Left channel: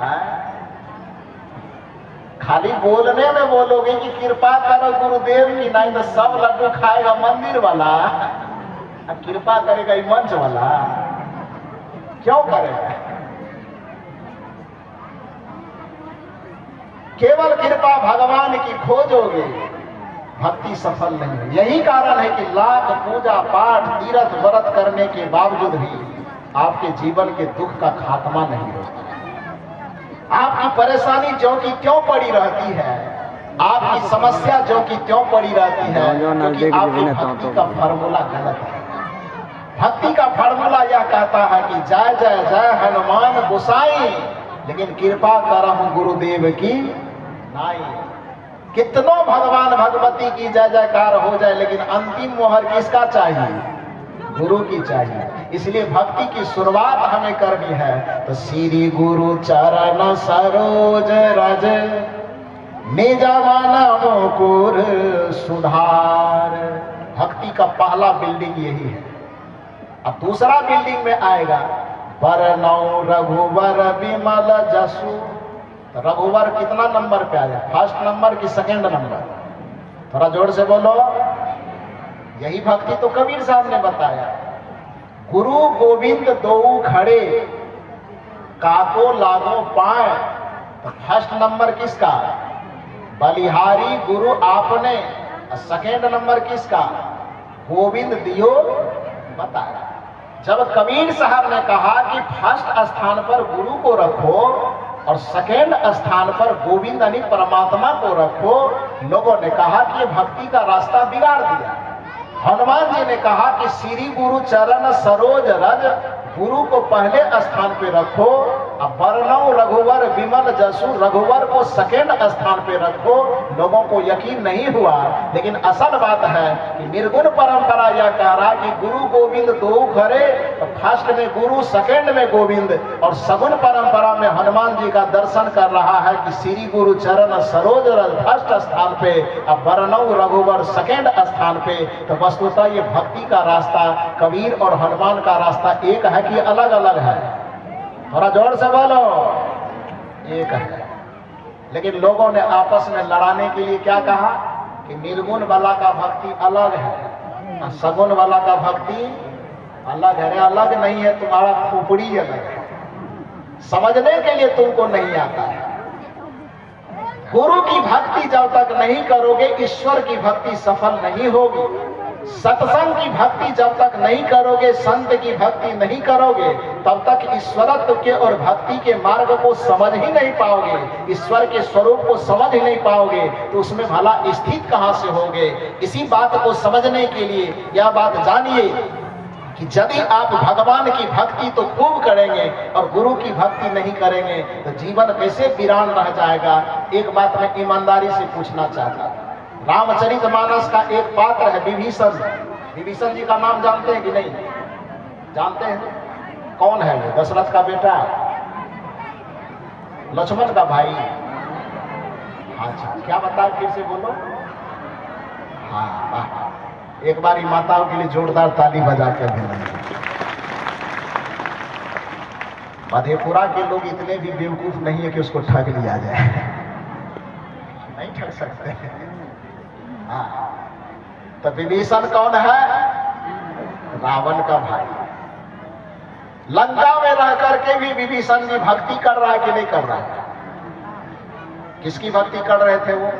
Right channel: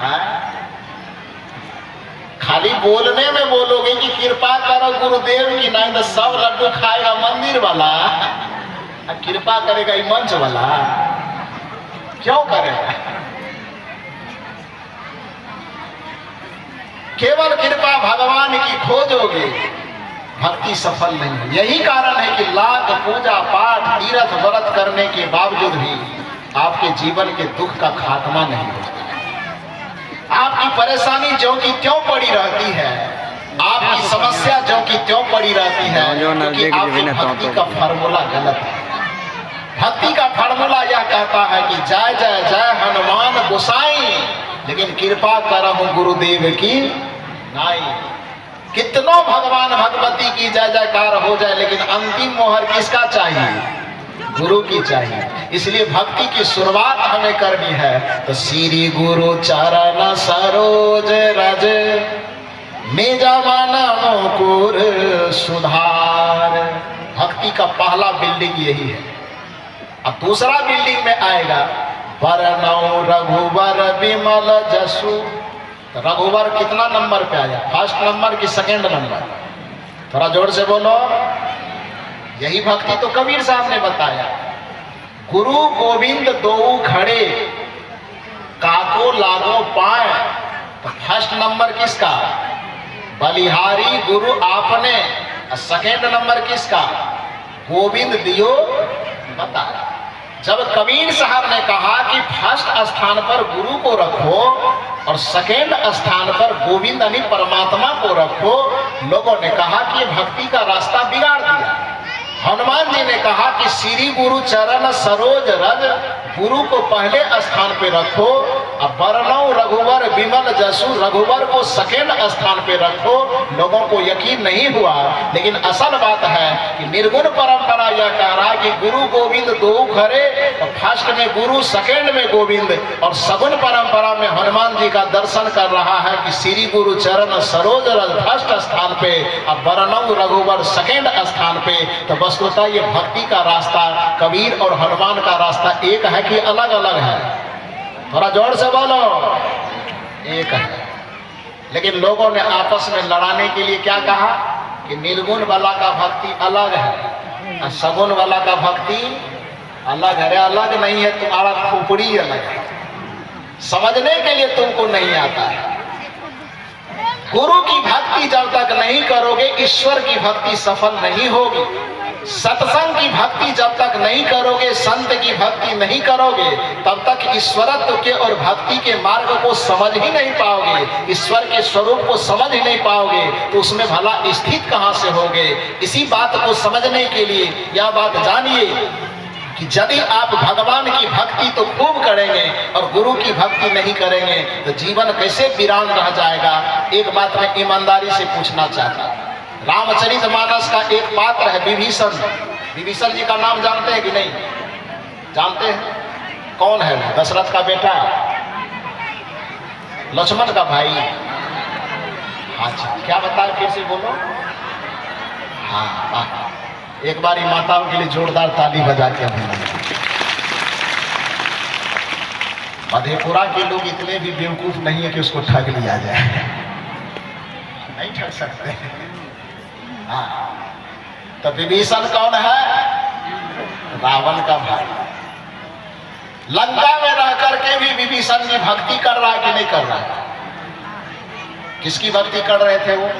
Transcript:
हाँ? खाली बोलने में बोलोगे कि कृपा करो गुरुदेव की, नहीं तो सब लड्डू खाएगा मंदिर वाला, कृपा करेगा ये मंच वाला, क्यों करेगा? केवल कृपा भगवान की खोजोगे, भक्ति सफल नहीं है। यही कारण है कि लाख पूजा पाठ तीर्थ व्रत करने के बावजूद भी आपके जीवन के दुख का खात्मा नहीं होता। आपकी परेशानी जो की त्यों पड़ी रहती है, आपकी समस्या जो की त्यों पड़ी रहती है, क्योंकि आपकी भक्ति का फार्मूला गलत है। भक्ति का फार्मूला यह कहता है कि जय जय जय हनुमान गोसाई, लेकिन कृपा करहु गुरुदेव की नाई। कितनों भगवान भगवती की जय जयकार हो जाए, लेकिन अंतिम मोहर किसका चाहिए? गुरु की चाहिए। इसलिए भक्ति की शुरुआत हमें करनी है तो श्री गुरु चरण सरोज रज निज मन मुकुर सुधार। भक्ति का पहला बिल्डिंग यही है। अब दूसरा बिल्डिंग में आएगा बरनौ रघुवर विमल जसु। तो रघुवर कितना नंबर पे आया? फर्स्ट नंबर की सेकंड नंबर? थोड़ा जोर से बोलो। यही भक्ति तो कबीर साहब ने बताया। गुरु गोविंद दो खड़े काको लागो पाए। तो फर्स्ट नंबर किसका? बलिहारी गुरु आपने। सेकंड नंबर किसका? गोविंद दियो बताया। जब कबीर साहब ने कहा कि फर्स्ट स्थान पर गुरु को रखो और सेकेंड स्थान पर गोविंद यानी परमात्मा को रखो, लोगों ने कहा कि भक्ति का रास्ता बिगाड़ दिया। हनुमान जी ने कहा कि श्री गुरु चरण सरोज रज, गुरु को पहले स्थान पे रखो, अब बरनौ रघुवर विमल जसु, रघुवर को सेकेंड स्थान पे रखो। लोगों को यकीन नहीं हुआ, लेकिन असल बात है कि निर्गुण परंपरा यह कह रहा है कि गुरु गोविंद दो खड़े, तो फर्स्ट में गुरु सेकेंड में गोविंद, और सगुण परंपरा में हनुमान जी का दर्शन कर रहा है कि श्री गुरु चरण सरोज रज फर्स्ट स्थान पे, अब बरनौ रघुवर सेकेंड स्थान पे। तो वस्तुतः ये भक्ति का रास्ता कबीर और हनुमान का रास्ता एक है कि अलग अलग है? थोड़ा जोर से बोलो। एक है। लेकिन लोगों ने आपस में लड़ाने के लिए क्या कहा कि निर्गुण वाला का भक्ति अलग है और सगुण वाला का भक्ति अलग है। अलग नहीं है, तुम्हारा खोपड़ी अलग है, समझने के लिए तुमको नहीं आता है। गुरु की भक्ति जब तक नहीं करोगे, ईश्वर की भक्ति सफल नहीं होगी। सत्संग की भक्ति जब तक नहीं करोगे, संत की भक्ति नहीं करोगे, तब तक ईश्वरत्व के और भक्ति के मार्ग को समझ ही नहीं पाओगे, ईश्वर के स्वरूप को समझ ही नहीं पाओगे, तो उसमें भला स्थित कहां से होगे। इसी बात को समझने के लिए यह बात जानिए कि यदि आप भगवान की भक्ति तो खूब करेंगे और गुरु की भक्ति नहीं करेंगे, तो जीवन कैसे वीरान रह जाएगा। एक बात मैं ईमानदारी से पूछना चाहता हूं। रामचरितमानस का एक पात्र है विभीषण। विभीषण जी का नाम जानते हैं कि नहीं जानते हैं? कौन है वो? दशरथ का बेटा, लक्ष्मण का भाई। अच्छा, क्या बताया फिर से बोलो। हाँ वाह, एक बार माताओं के लिए जोरदार ताली बजा के मधेपुरा के लोग इतने भी बेवकूफ नहीं है कि उसको ठग लिया जाए। नहीं ठग सकते। हाँ, तो विभीषण कौन है? रावण का भाई। लंका में रह करके भी विभीषण जी भक्ति कर रहा है कि नहीं कर रहा है? किसकी भक्ति कर रहे थे वो?